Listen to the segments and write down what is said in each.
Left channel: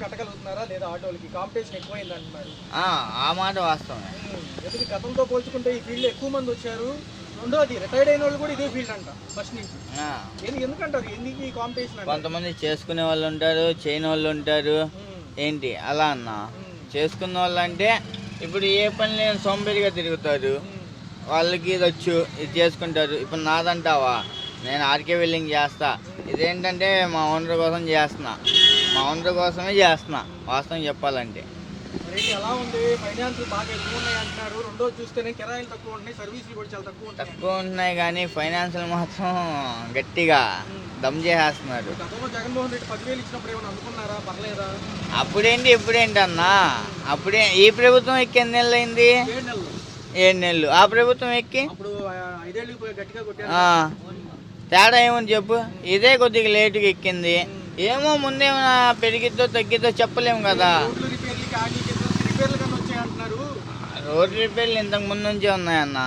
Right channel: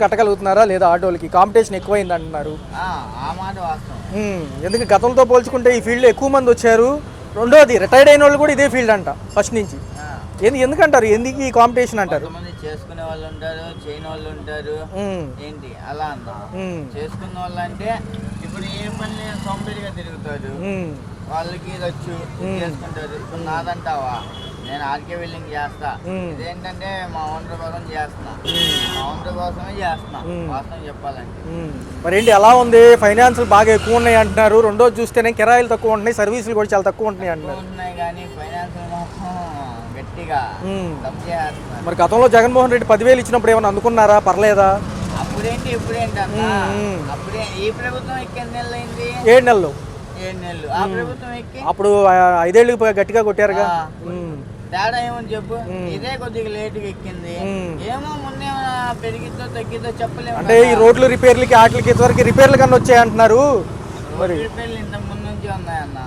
కట్టగలుగుతున్నారా లేదా ఆటోలకి కాంపిటీషన్ ఎక్కువైంది అంటున్నారు. ఆ మాట వాస్తవం. ఎందుకు గతంతో పోల్చుకుంటే ఈ ఫీల్డ్ ఎక్కువ మంది వచ్చారు. రెండోది రిటైర్డ్ అయిన వాళ్ళు కూడా ఇదే ఫీల్డ్ అంట ఫస్ట్ నుంచి. ఎందుకంటారు ఎందుకు ఈ కాంపిటీషన్ అంటారు? కొంతమంది చేసుకునే వాళ్ళు ఉంటారు, చేయని వాళ్ళు ఉంటారు. ఏంటి అలా అన్న చేసుకున్న వాళ్ళు అంటే ఇప్పుడు ఏ పని లేని సోంబేరిగా తిరుగుతారు. వాళ్ళకి ఇది వచ్చు, ఇది చేసుకుంటారు. ఇప్పుడు నాదంటావా, నేను ఆర్కే వెల్డింగ్ చేస్తా, ఇదేంటంటే మా ఓనర్ కోసం చేస్తున్నా, మా ఓనర్ కోసమే చేస్తున్నా వాస్తవం చెప్పాలంటే. మరేంటి ఎలా ఉంది? ఫైనాన్సులు బాగా ఎక్కువ ఉన్నాయి అంటున్నారు. రెండోది చూస్తేనే కిరాయిలు తక్కువ ఉంటున్నాయి, సర్వీసులు కూడా చాలా తక్కువ ఉంటున్నాయి తక్కువ ఉంటున్నాయి కానీ ఫైనాన్షియల్ మాత్రం గట్టిగా దమ్ చేస్తున్నారు. మరి గతంలో జగన్మోహన్ రెడ్డి 10,000 ఇచ్చినప్పుడు ఏమైనా అందుకున్నారా? పర్లేదా? అప్పుడేంటి ఇప్పుడేంటి అన్న, అప్పుడే ఈ ప్రభుత్వం ఎక్కి ఎన్ని నెలలు అయింది? 7 నెలలు. 7 నెలలు. ఆ ప్రభుత్వం ఎక్కి అప్పుడు 5 ఏళ్ళు గట్టిగా కొట్టారు. తేడా ఏమని చెప్పు, ఇదే కొద్దిగా లేటుగా ఎక్కింది. ఏమో ముందేమైనా పెరిగిద్దో తగ్గిద్దో చెప్పలేము కదా. ఈ రోడ్లు రిపేర్లకి వాటికి ఇంతవరకు రిపేర్లు కన్నా వచ్చాయి అంటున్నారు. రోడ్లు రిపేర్లు ఇంతకు ముందు నుంచే ఉన్నాయన్న.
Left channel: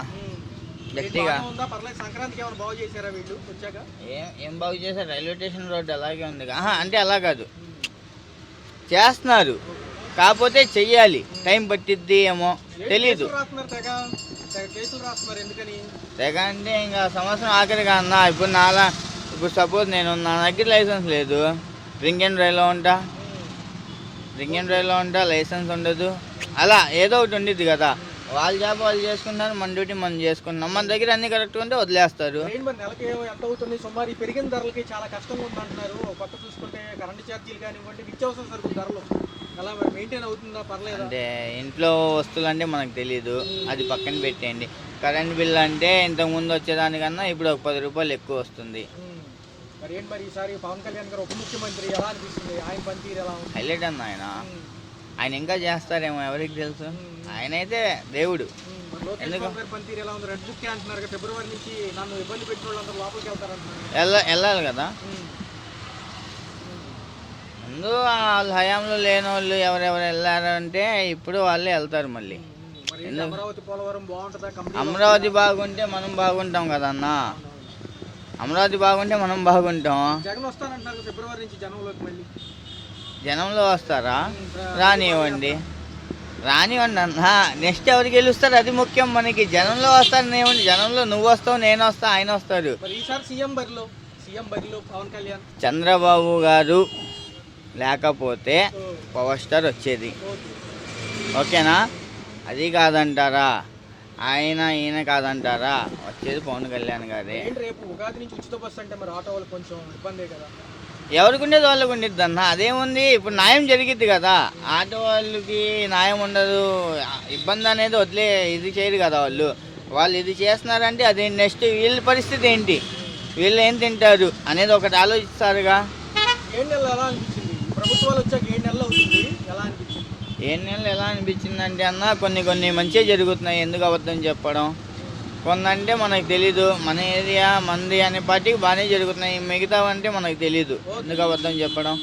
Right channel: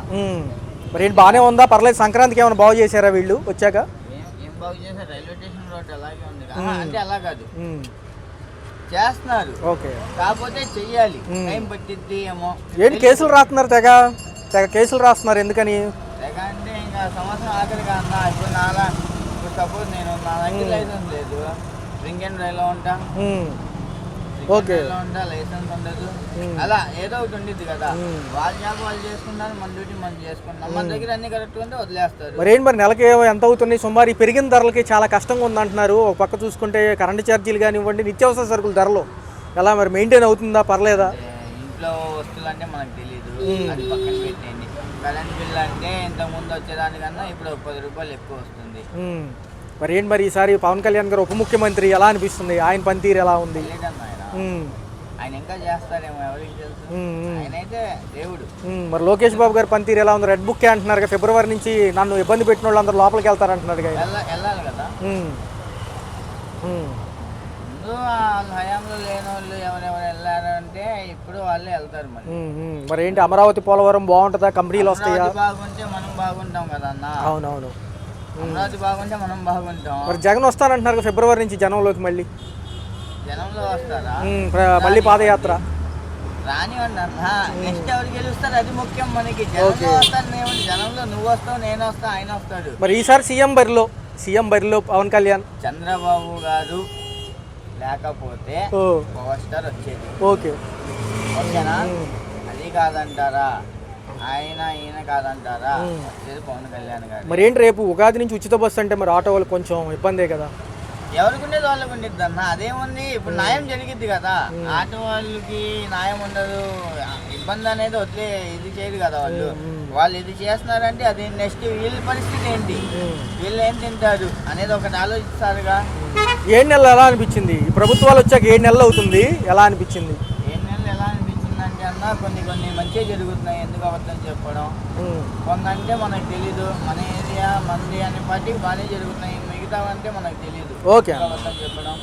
మరి ఏంటి బాగానే ఉందా? పర్లేదు. సంక్రాంతికి ఏమైనా బాగు చేశారా వీళ్ళు వచ్చాక? ఏం బాగు చేశారు? రైల్వే స్టేషన్ రోడ్డు అలాగే ఉంది. అంటే అలా కాదు, చేస్తున్నారు. కాకపోతే చెయ్యాలి, టైం పట్టిద్ది ఏమో. ఏంటి కేసులు రాస్తున్నారు? తెగ కేసులు రాస్తున్నారు ఎందుకని? తెగ అంటే ఇంకా సంవత్సరం ఆఖరిగా అన్న. ఇప్పుడు నాలా ఇప్పుడు సపోజ్ నేను నా దగ్గర లైసెన్స్ లేదు, డ్రింక్ అండ్ డ్రైవ్లో ఉంటా, డ్రింక్ అండ్ డ్రైవ్లో ఉంటా, లైసెన్స్ ఉండదు. అలా ఏదో ఒకటి ఉండిద్ది కదా. వాళ్ళ జాబ్ వాళ్ళు చేసుకుంటారు, మన డ్యూటీ మనం చేసుకున్నాం. మన దగ్గర అన్ని కరెక్ట్ ఉంటే వదిలేస్తారు. మరి నెలకి ఎంత అవుతుంది సుమారు? ఈ పెరిగిన ధరలకి చాలా కష్టంగా ఉందంటున్నారు. ఒక పక్క చూసుకుంటే కరెంటు ఛార్జీలు కానివ్వండి, నిత్యావసర సరుకుల ధరలు ఎలా మరి మెయింటైన్ అవుతుందా? పర్లేదా? ఇంట్లో వస్తువులు అంటే మనకు తెలీదు, అది పక్కన పెట్టండి. కరెంట్ బిల్ అంటే ఇంతకు ముందు వచ్చేదానికన్నా ఇప్పుడు ఒక 10 రూపాయలు ఎక్కువ వస్తుంది. మరి ఏంటి మరి ఈసారి పవన్ కళ్యాణ్ గారు ఉప ముఖ్యమంత్రి ఎలా అనిపిస్తుంది? ఆయన పనితీరు ఎలా ఉంది? తెలియటన్నా ఆయన ఇంకా చేస్తారేమో, ఎవరికి తెలుసు. ఆయన అయితే దేవుడు. మరి లోకేష్ బాబు గారి పనితీరు ఎలా ఉంది? రెడ్ బుక్ అంటున్నారు, ఫిబ్రవరి నుంచి నన్ను ఇబ్బంది పెట్టిన వాళ్ళు అందరూ లోపలికి వెళ్తారంటున్నాడు. వెళ్ళాలి కదా. ముందు వాళ్ళ హయాంలో లేని వాళ్ళు ఎవరెవరు వెళ్ళారంటే ఇప్పుడు వాళ్ళే వెళ్తారు మళ్ళీ. మరి ఏంటి అమరావతి పోలవరం బాగుంటుందా? కంపెనీలు అమరావతి బాగుంటే మనం బాగుంటాం కదా అన్న. అవునవును, అమరావతి బాగుంటే మనం బాగుంటాం. జగన్ వస్తానంటున్నారు ఫిబ్రవరి నుంచి జనంలోకి. మళ్ళీ జనంలో వస్తారా? మళ్ళీ పాదయాత్ర రానివ్వండి అన్న. నెక్స్ట్ ఎవరికి గెలుస్తారు అది ముఖ్యం మనకి. జనంలో వస్తారు ఏమండి, జనంలో నువ్వు వస్తావు, నేను వస్తా, ఆయన వస్తారు. మరి ఈసారి సీఎం బరిలో పవన్ కళ్యాణ్. చంద్రబాబు గారు లేకపోతే పవర్ స్టార్ వచ్చేది. ఓకేనా? అది కాదంటారా? ఈయన కాదంటారా? వచ్చేది పవన్ కళ్యాణ్ గారు. మరి ఏంటి రేపు ఉగాది నుంచి ఉచిత బస్సు అంటే మరి ఆటో వాళ్ళకి కొంచెం ఇబ్బందే కదా? ఎవరికి ఉండేది వాళ్ళకి ఉండిద్ది అన్న. అదేముంది, ఇప్పుడు న్యాయం జరిగిద్ది కదా. ఆటో వాళ్ళకి న్యాయం ఉండదు, ఇబ్బంది అనేది వదిలే ఇది చేయదు కదా. వాళ్ళు ఇది చేస్తున్నారంటే అదే నెక్స్ట్ వీళ్ళ పరిస్థితి ఏంటి, వీళ్ళు ఏం తింటారు అనేది ఒకటి ఆలోచిస్తారుగా. 7 నెలలు ఎలా అనిపించింది? ప్రభుత్వాలు వచ్చాక 7 నెలలు అవుతుంది, ఎలా అనిపించింది? 7 నెలలు ఎలా అనిపించింది అంటే అన్న, కొన్ని మంచిగా జరుగుతున్నాయి. ఎందుకు అబద్ధం చెప్పడం? కొందంటే మనకు తెలీదు. మన ఏరియా మంది అనే పార్టీకి బాగానే జరుగుతున్నాయి, మిగతావంటే మనకు తెలీదు. ఎందుకు అబద్ధం చెప్పడం?